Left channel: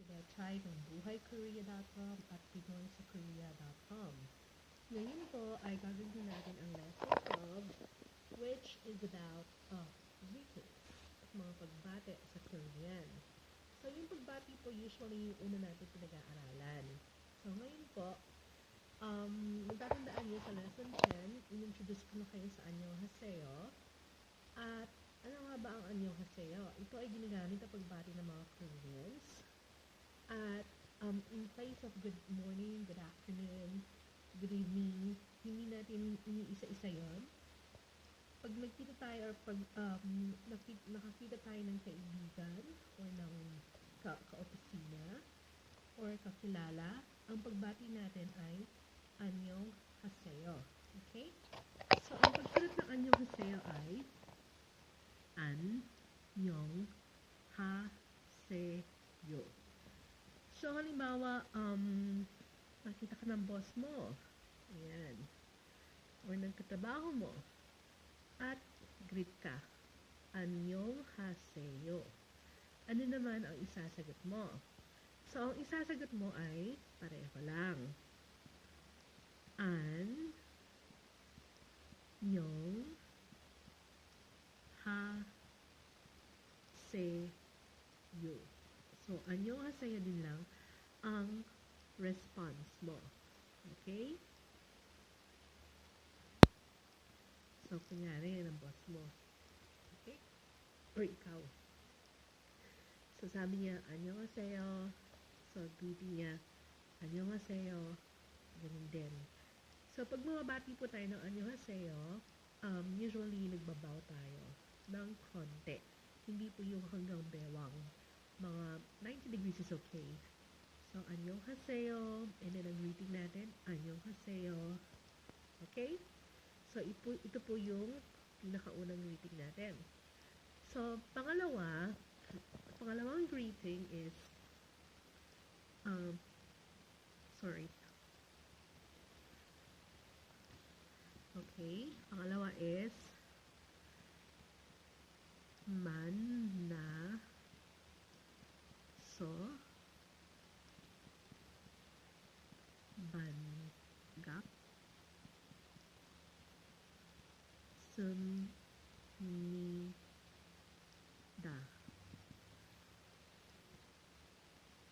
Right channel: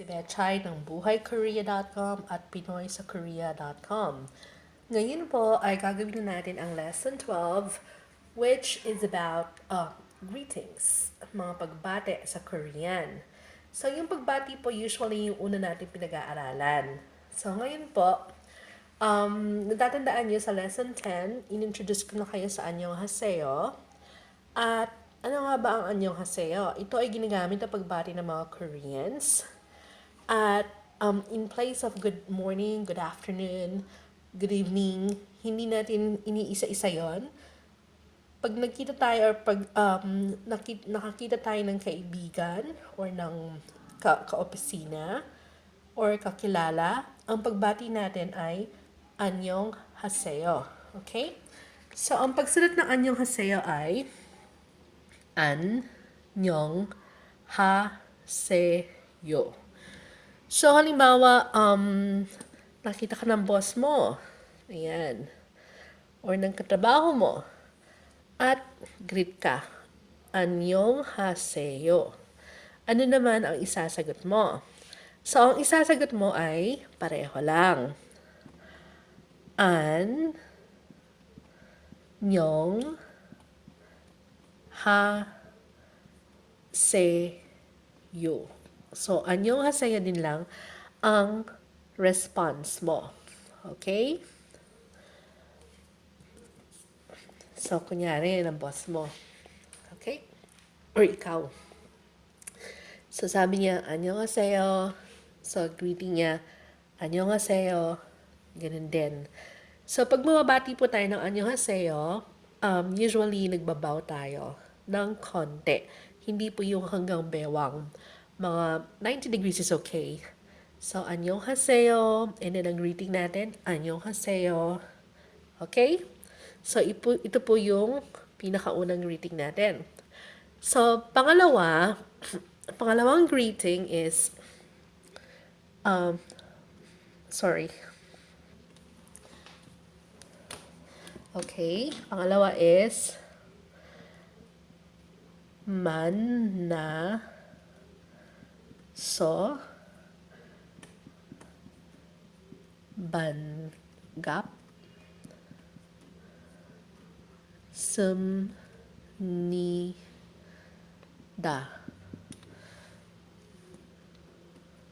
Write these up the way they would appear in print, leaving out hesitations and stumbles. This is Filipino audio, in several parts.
si Betchay ng buhaykorea.com at pinoysakorea.com. Ngayon po ay gagawin natin ang lesson 12 which is about greetings, mga pagbati sa Korean. So yung pagbati po usually yung una natin pinag-aaralan. So ngayon po, natatandaan niyo sa lesson 10, inintroduce ko na kayo sa annyeonghaseyo. At ano nga ba ang annyeonghaseyo? Ito ay ginagamit na pagbati ng mga Koreans. At in place of good morning, good afternoon, good evening, hindi natin iniisa-isa yon. Pag nagkita tayo or pag nakakita tayo ng kaibigan or ng kaopisina or kakilala, ang pagbati natin ay annyeonghaseyo. Okay? So, ang pagsulat ng annyeonghaseyo ay annyeonghaseyo. So, halimbawa, nakita ka ng boss mo. Ayan. Or ng katrabaho mo. At greet ka. Annyeonghaseyo. Ano naman ang isasagot mo? So, ang isasagot mo ay pareho lang. Annyeonghaseyo. So, annyeonghaseyo din lang ang response mo. Okay? So, kunyari, ng boss mo. Okay? Or ikaw. So, sabi niya, annyeonghaseyo. So, greeting niya, annyeonghaseyo. Ganun din. So, pag mababati po tayo ng annyeonghaseyo, usually nagbabaw tayo ng konti. Hindi po yung hanggang bewang. Mga 90 degrees is okay. So, annyeonghaseyo. And then, ang greeting natin, annyeonghaseyo. Okay? So, ito po yung pinakaunang greeting natin. So, pangalawang greeting is, Okay, pangalawa is, so banggap sumnida.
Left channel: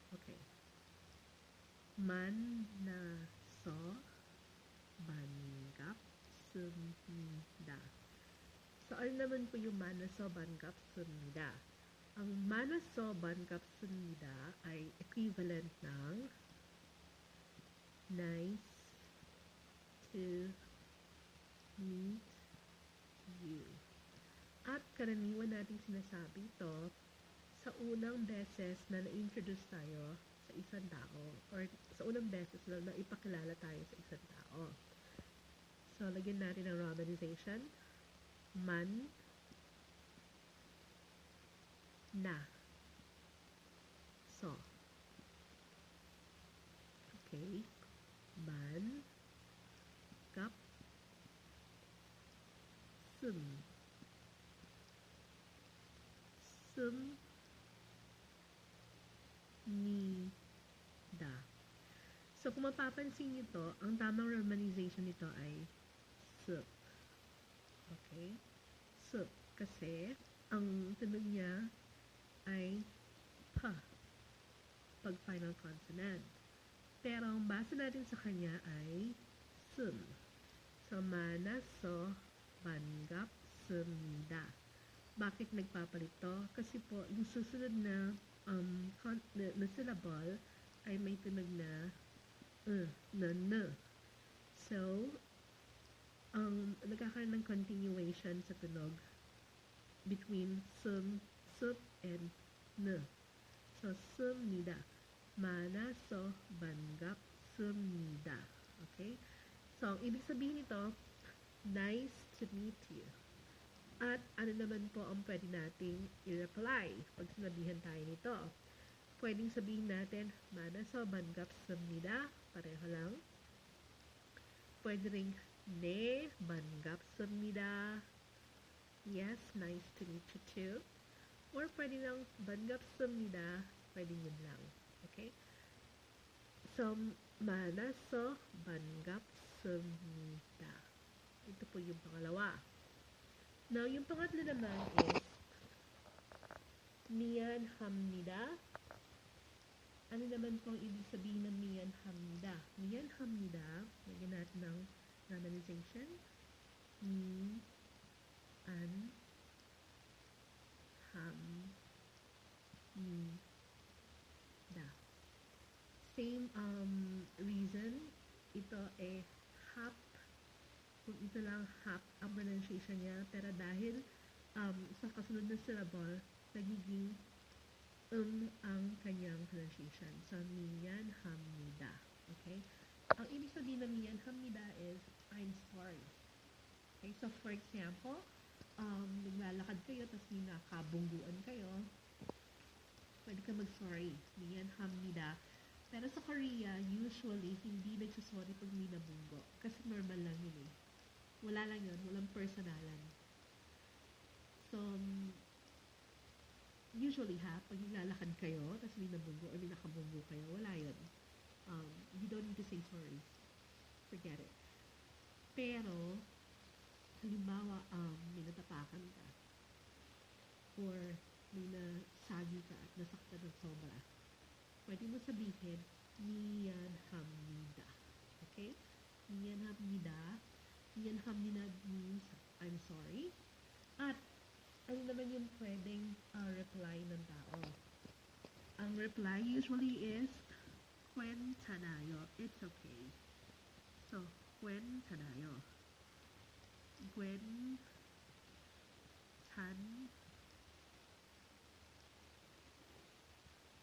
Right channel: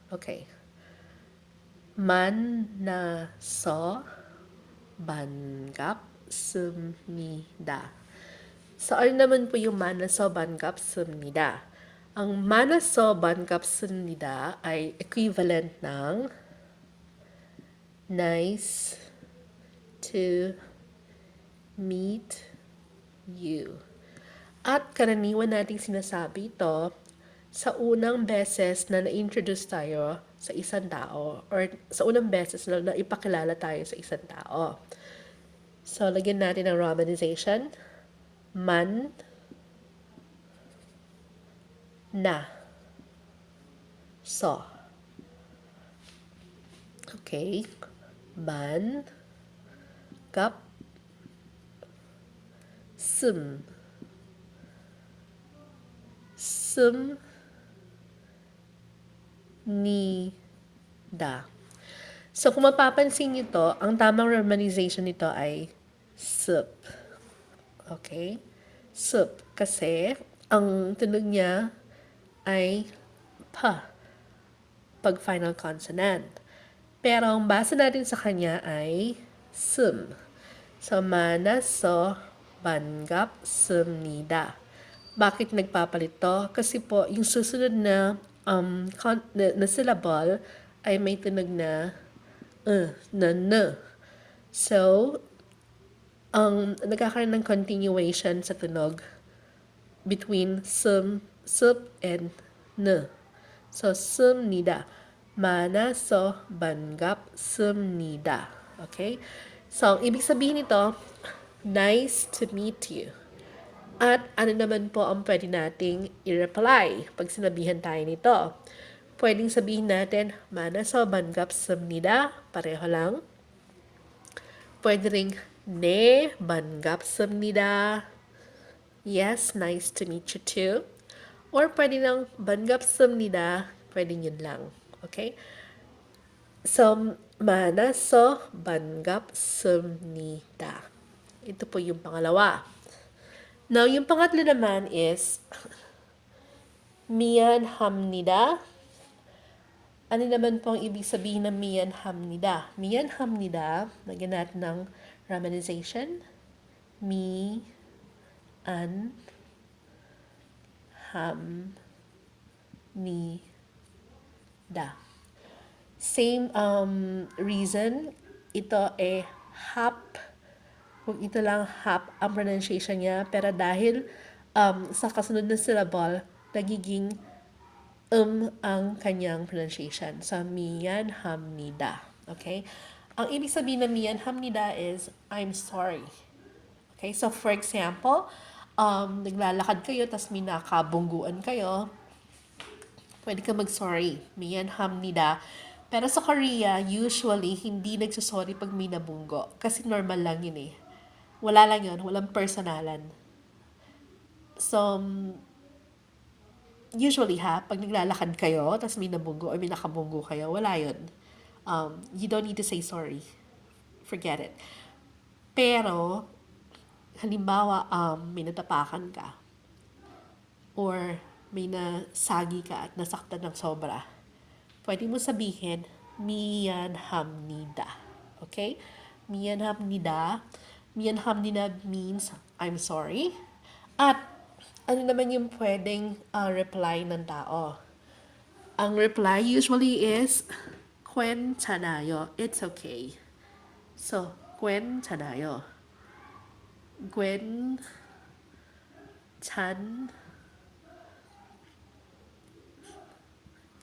Okay. Mannaso banggapsumnida. So, ano naman po yung mannaso banggapsumnida? Ang mannaso banggapsumnida ay equivalent ng nice to meet you. At karaniwan nating sinasabi ito sa unang beses na na-introduce tayo sa isang tao or sa unang beses na ipakilala tayo sa isang tao. So, lagyan natin ng romanization. Man na so. Okay. Ban gap nida. So, kung mapapansin nyo to, ang tamang romanization nito ay sup. Okay? Sup. Kasi, ang tunog niya ay pa pag final consonant. Pero, ang basa natin sa kanya ay sum. So, manaso banggapsumnida. Bakit nagpapalit to? Kasi po, yung susunod na syllable ay may tunog na na. So, nagkakaroon ng continuation sa tunog between sup, and n. So, sumnida. Manaso banggapsumnida. Okay? So, ang ibig sabihin nito, nice to meet you. At ano naman po ang pwede nating i-reply pag sinabihan tayo nito? Pwedeng sabihin natin, manaso banggapsumnida, pareho lang. Pwede ring, ne banggapsumnida. Yes, nice to meet you too. Or pwede lang, banggapsumnida, pwede yun lang. Okay? So, mana서 반갑습니다. Ito po yung pangalawa. Now, yung pangatlo naman is miyanhamnida. Ano naman po ang ibig sabihin ng miyanhamnida? Miyanhamnida, lagyan natin ng romanization. Mi, an, ham, ni, da. Same reason, ito hap. Kung ito lang hap ang pronunciation niya, pero dahil sa kasunod na syllable, nagiging ang kanyang pronunciation. So, miyan hamnida. Okay? Ang ibig sabihin ng miyan hamnida is, I'm sorry. Okay? So, for example, naglalakad kayo, tapos may nakabungguan kayo, pwede ka mag-sorry. Miyan hamnida. Pero sa Korea, usually, hindi nagsasorry pag may nabunggo. Kasi normal lang yun eh. Wala lang yun. Walang personalan. So, usually pag naglalakad kayo, tapos may nabunggo or may nakabunggo kayo, wala yun. You don't need to say sorry. Forget it. Pero, halimbawa, may natapakan ka or may nasagi ka at nasaktan ng sobra, pwede mo sabihin, miyanhamnida. Okay? Miyanhamnida. Miyanhamnida means, I'm sorry. At, ano naman yung pwedeng reply ng tao? Ang reply usually is, 괜찮아요. It's okay. So, 괜찮아요.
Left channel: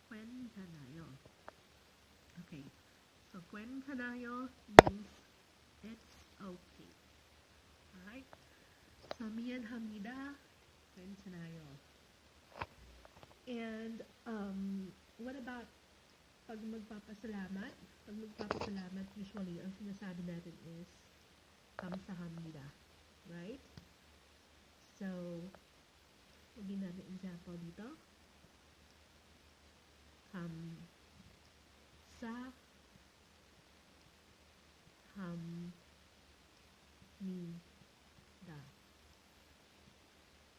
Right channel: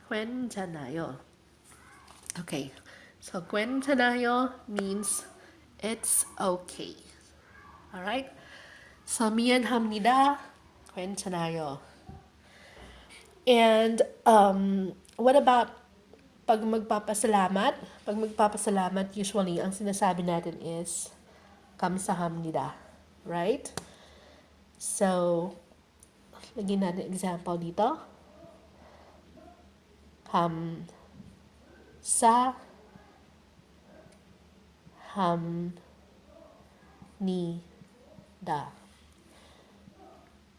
괜찮아요. Okay. So, 괜찮아요 means it's okay. Alright? So, 미안합니다. 괜찮아요. And, what about pag magpapasalamat? Pag magpapasalamat, usually, ang sinasabi natin is, 감사합니다. Right? So, lagyan natin example dito. 감사합니다.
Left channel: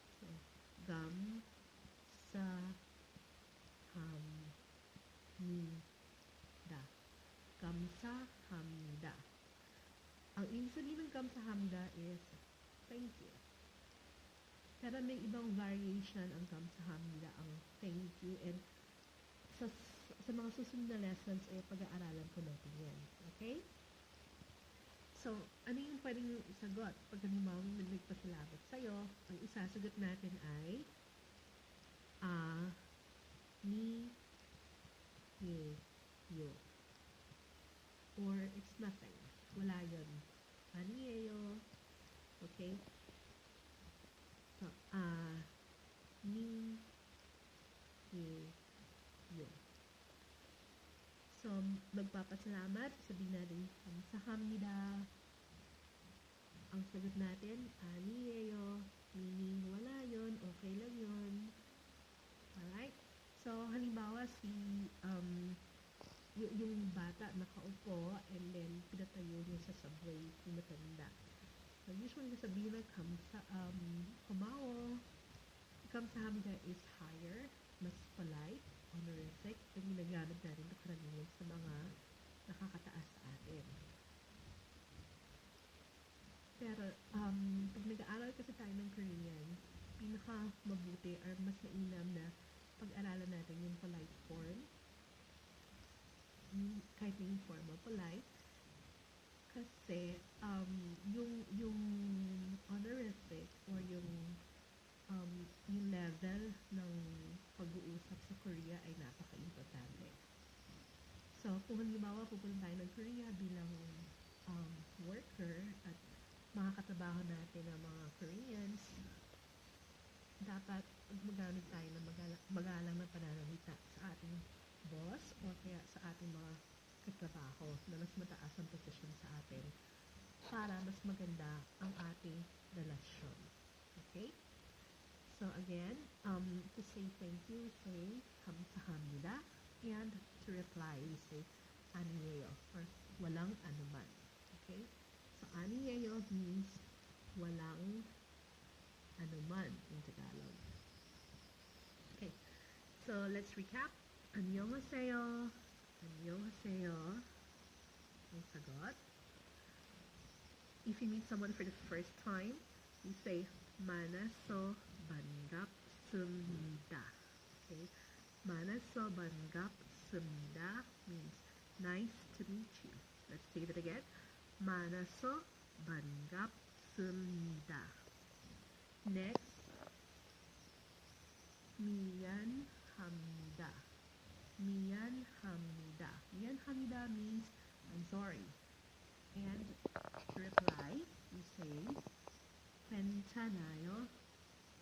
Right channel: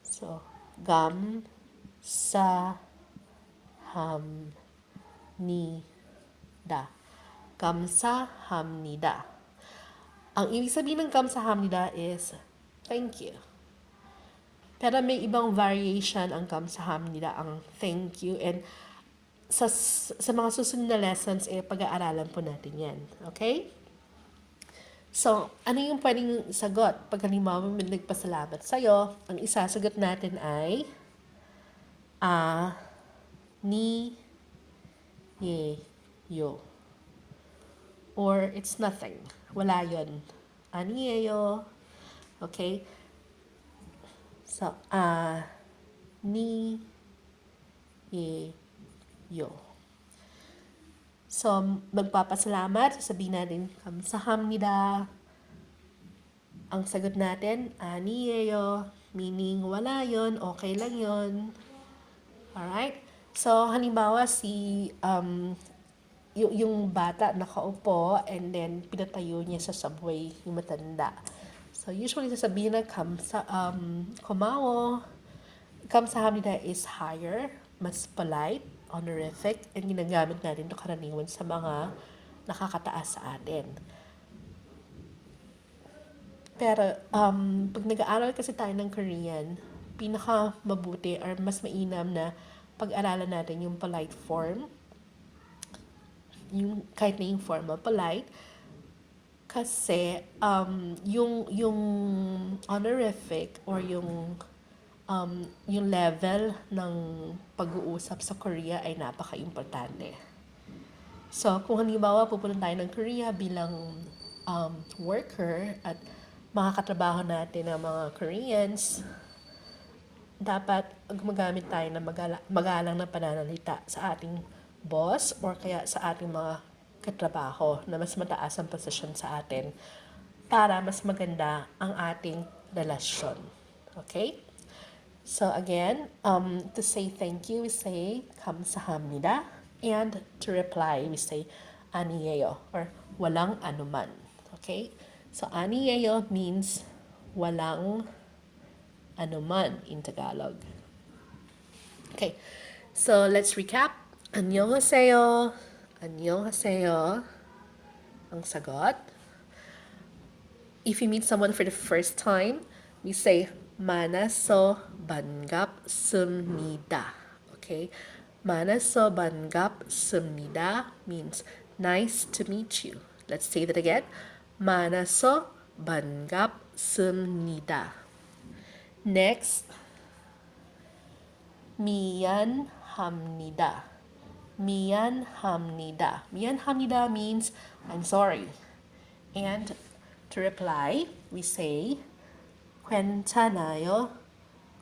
So, 감사합니다. 감사합니다. Ang ibig sabihin ng 감사합니다 is thank you. Pero may ibang variation ang 감사합니다, ang thank you. And sa mga susunod na lessons, pag-aaralan po natin yan. Okay? So, ano yung pwedeng sagot? Pag halimbawa may nagpasalamat sa'yo, ang isasagot natin ay ni, ye, yo. Or it's nothing. Wala yun. Aniyeyo. Okay? So, ni, ye, yo. So, magpapasalamat, sasabihin natin, 감사합니다. Ang sagot natin, 아니에요, meaning wala yon, okay lang yon. Alright? So, halimbawa yung bata nakaupo and then pinatayo niya sa subway yung matanda. So, usually sasabihin na 고마워. 감사합니다 is higher, mas polite, honorific, and ginagamit natin ito karaniwan sa mga nakakataas sa atin. Pero, pag nag-aaral kasi tayo ng Korean, pinaka mabuti or mas mainam na pag-aralan natin yung polite form, yung kahit na yung formal polite, kasi yung honorific or yung level ng pag-uusap sa Korea ay napaka-importante. So, kung halimbawa pupunta tayo ng Korea bilang worker at makakatrabaho natin ng mga Koreans, dapat gumagamit tayo ng magalang na pananalita sa ating boss or kaya sa ating mga katrabaho na mas mataas ang posisyon sa atin para mas maganda ang ating relasyon. Okay? So again, to say thank you, we say 감사합니다. And to reply, we say aniyeyo or walang anuman. Okay? So aniyeyo means walang anuman in Tagalog. Okay. So let's recap. Annyeonghaseyo. Annyeonghaseyo. Ang sagot. If you meet someone for the first time, we say Manaso banggapsumnida. Okay? Manaso banggapsumnida means nice to meet you. Let's say that again. Manaso banggapsumnida. Next, Miyan hamnida. Miyan hamnida. Miyan hamnida means I'm sorry. And to reply, we say 괜찮아요.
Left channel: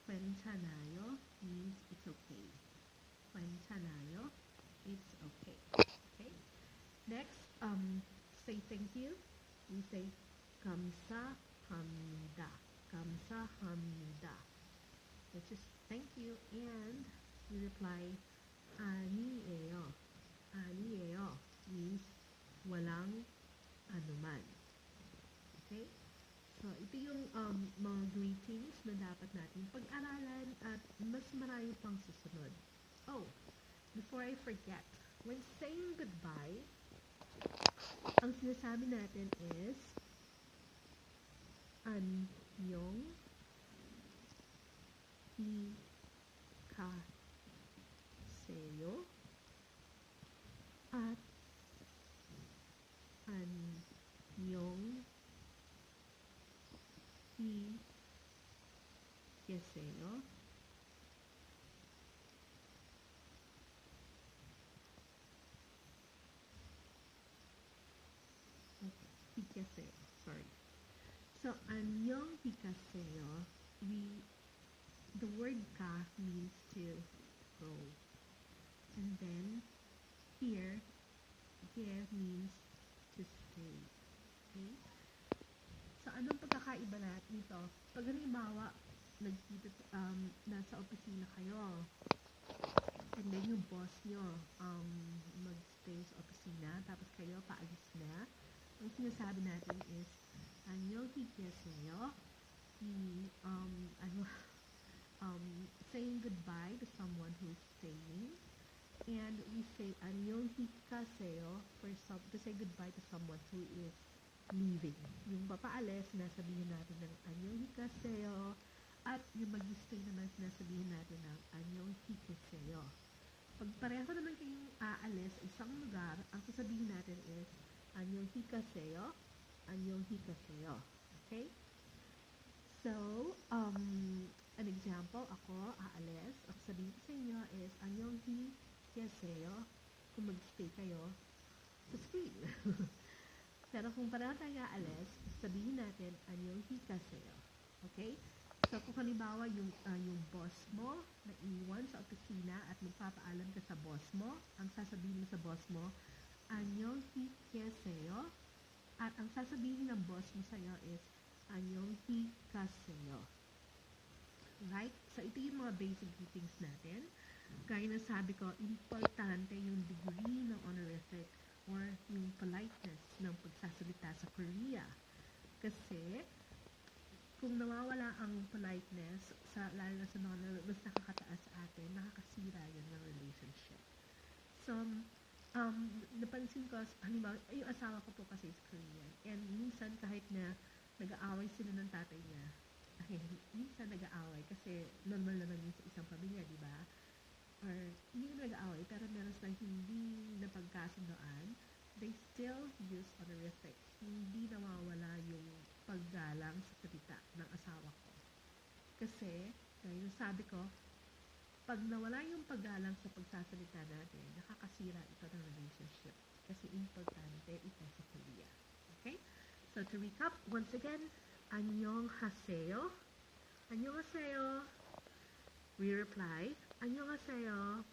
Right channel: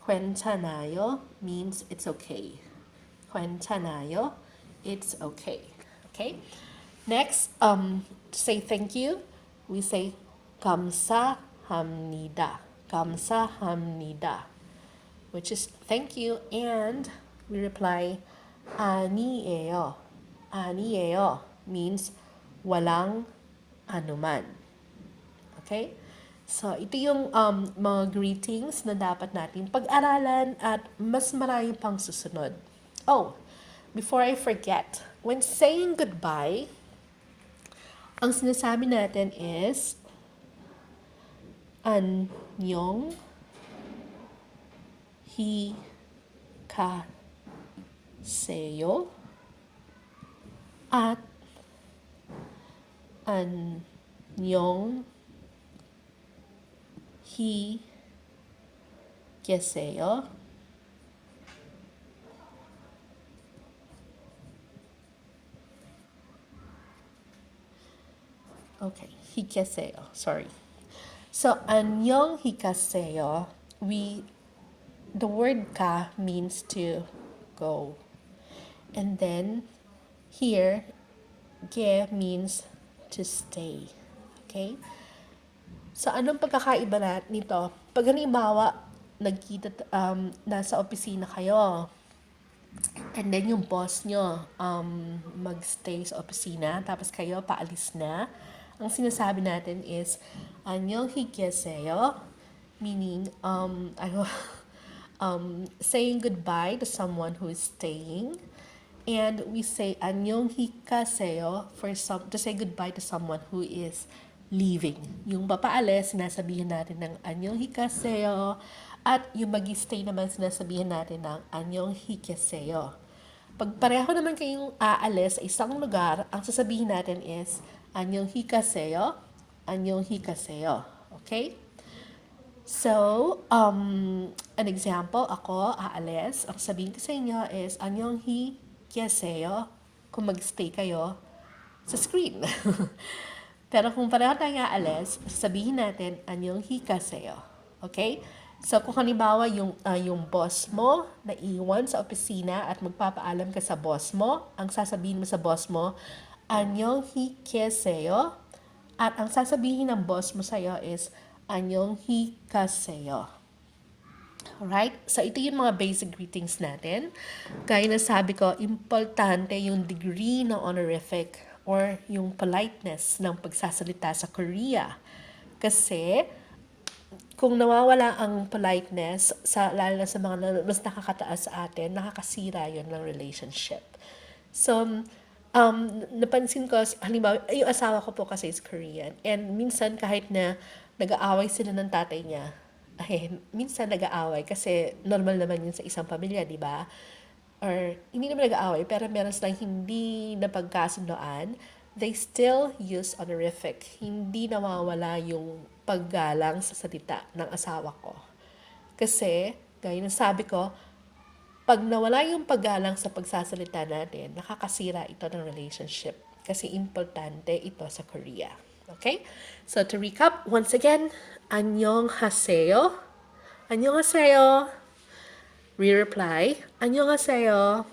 괜찮아요 means it's okay. 괜찮아요, it's okay. Okay? Next, to say thank you, we say 감사합니다. 감사합니다, which is thank you, and we reply 아니에요. 아니에요 means walang anuman. Okay? So, ito yung mga greetings na dapat natin pag-aralan at mas marami pang susunod. Oh, before I forget, when saying goodbye, ang sinasabi natin is Annyeong hikaseyo at Annyeong 계세요. Okay, 계세요. Sorry. So, 안녕 계세요. The word ka means to go. And then, here, ge means to stay. Okay? So, anong pagkakaiba nito? Pag halimbawa, nasa opisina kayo, and then yung boss nyo magstay sa opisina, tapos kayo paalis na, ang sinasabi natin is, 안녕히계세요, meaning, saying goodbye to someone who is staying. And we say 안녕히가세요 to say goodbye to someone who is leaving. Yung papaalis, sinasabihin natin ng 안녕히가세요. At yung mag-stay naman, sinasabihin natin ng 안녕히계세요. Pag pareho naman kayong aalis sa isang lugar, ang sasabihin natin is 안녕히가세요, 안녕히가세요. Okay? So, an example, ako aalis, ang sabihin ko sa inyo is 안녕히계세요 kung mag-stay kayo sa screen. Pero kung pareho tayong aalis, sabihin natin 안녕히가세요. Okay? So, kung halimbawa yung boss mo na iwan sa opisina at magpapaalam ka sa boss mo, ang sasabihin mo sa boss mo, 안녕히계세요. At ang sasabihin ng boss mo sa'yo is, 안녕히가세요. Alright? So, ito yung mga basic greetings natin. Gaya na sabi ko, importante yung degree ng honorific or yung politeness ng pagsasalita sa Korea. Kasi, kung nawawala ang politeness, lalo na sa mga mas nakakataas sa atin, nakakasira yun ng relationship. So, napansin ko, halimbawa, yung asawa ko po kasi is Korean. And minsan kahit na nag-aaway sila ng tatay niya, minsan nag-aaway kasi normal naman yun sa isang pamilya, di ba? Or hindi naman nag-aaway, pero meron silang hindi napagkasundoan, they still use honorific. Hindi nawawala yung paggalang sa salita ng asawa ko. Kasi, gaya ng sabi ko, pag nawala yung paggalang sa pagsasalita natin, nakakasira ito ng relationship. Kasi importante ito sa Korea. Okay? So, to recap, once again, 안녕하세요. 안녕하세요. We-reply, 안녕하세요.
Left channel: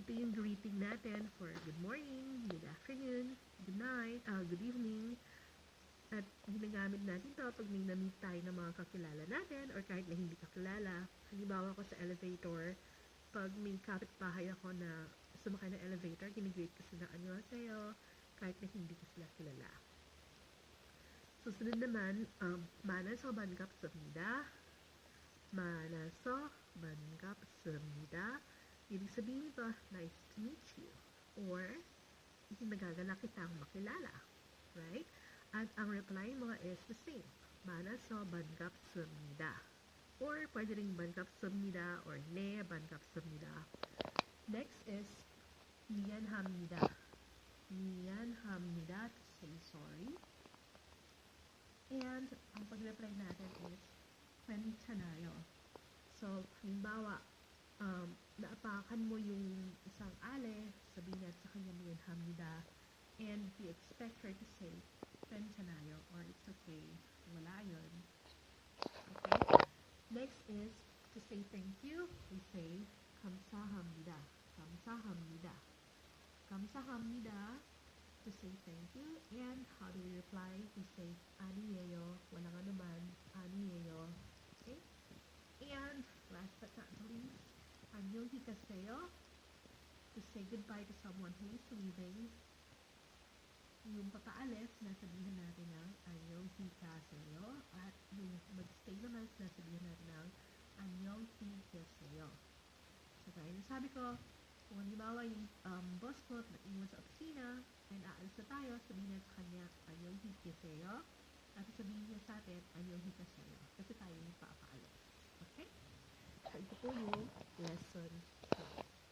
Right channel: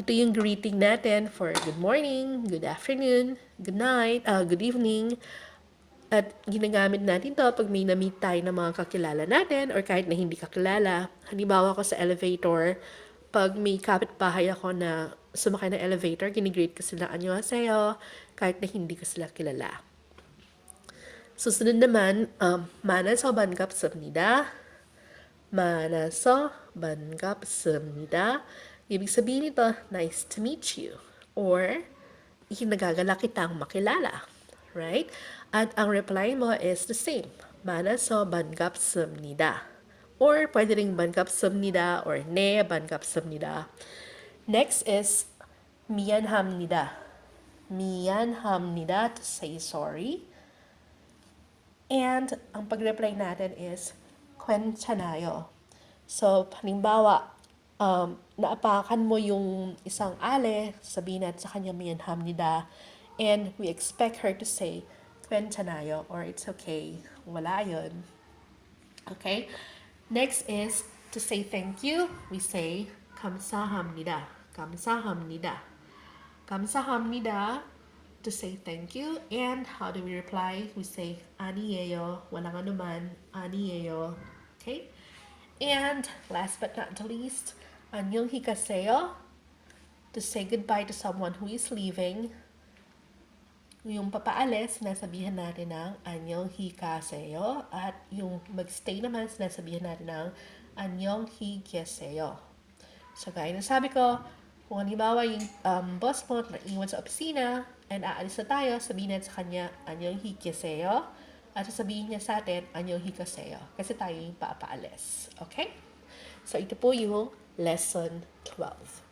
Ito yung greeting natin for good morning, good afternoon, good night, good evening. At ginagamit natin to pag may na-meet tayo ng mga kakilala natin or kahit na hindi kakilala. Halimbawa ko sa elevator, pag may kapitbahay ako na sumakay ng elevator, ginigreet ko sila annyeonghaseyo kahit na hindi ko sila kilala. Susunod naman, 만나서 반갑습니다. 만나서 반갑습니다. Ibig sabihin nito, nice to meet you. Or, nagagalak kitang makilala. Right? At ang reply mo is the same. 만나서 반갑습니다. Or, pwede ring 반갑습니다 or 네, 반갑습니다. Next is 미안합니다. 미안합니다 to say sorry. And ang pag-reply natin is 괜찮아요. So, halimbawa, naapakan mo yung isang ale, sabihin natin sa kanya miyanhamnida, and we expect her to say 괜찮아요 or it's okay. Wala yun. Okay? Next is to say thank you. We say 감사합니다. 감사합니다. 감사합니다 to say thank you. And how do we reply? We say 아니에요. walang anuman. 아니에요. Okay? And last but not the least, 안녕히 가세요 to say goodbye to someone who is leaving. Yung papaalis, sinasabihan natin ng 안녕히 가세요. At yung magstay naman, sinasabihan natin ng 안녕히 계세요. So, gaya ng sabi ko, kung halimbawa yung boss mo naiwan sa opisina and aalis na tayo, sabihin natin sa kanya 안녕히 계세요. At sasabihin niya sa atin 안녕히 가세요. Kasi tayo yung papaalis. Okay? So, ito po yung lesson 12.